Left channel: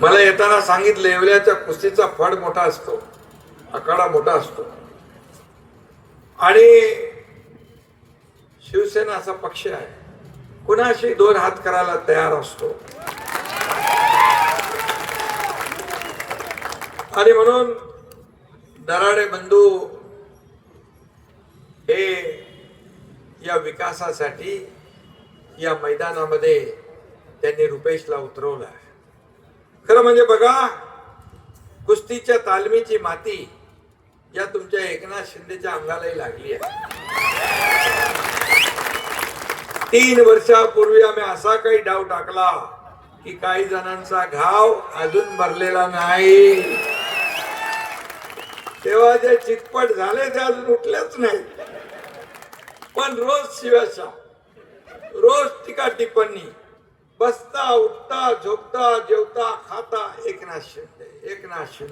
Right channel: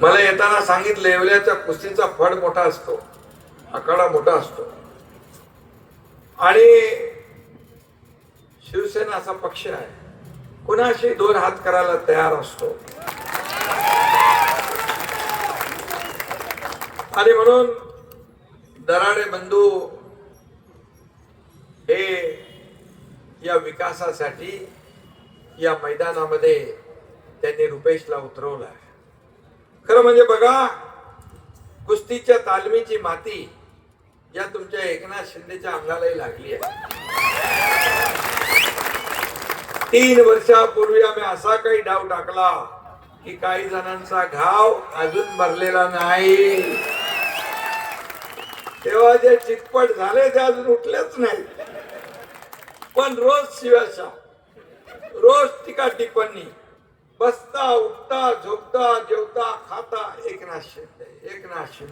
मला येताना सांगितलं येवल्याच्या कुस्तीचा फड मोठा असतो आकडा मोठा असतो. आणि शिवसेना असा पक्ष आहे. कुणाशी दोन हात करायला तयार असतो? आणि म्हणून दराडे बंधू हे या विकासासाठी या मैदानामध्ये त्यांनी रुपेशला उतरवला. खरं म्हणजे बघा कुस्तीच्या तालमीची माती या तुमच्या एकनाथ शिंदेच्या अंगालाही लागली आहे. तीन वर्षापूर्वी आम्ही असा काही डाव टाकला की काही जणांचा घाव अजून भरलेला नाही. तेव्हा जे चितपट झाले ते अजून उठलेच नाही. पण रोज शिवाशा रोज टीका टिप्पणी. बसता उठता झोपता जेवता खाता एकनाथ शिंदे एकनाथ शिंदे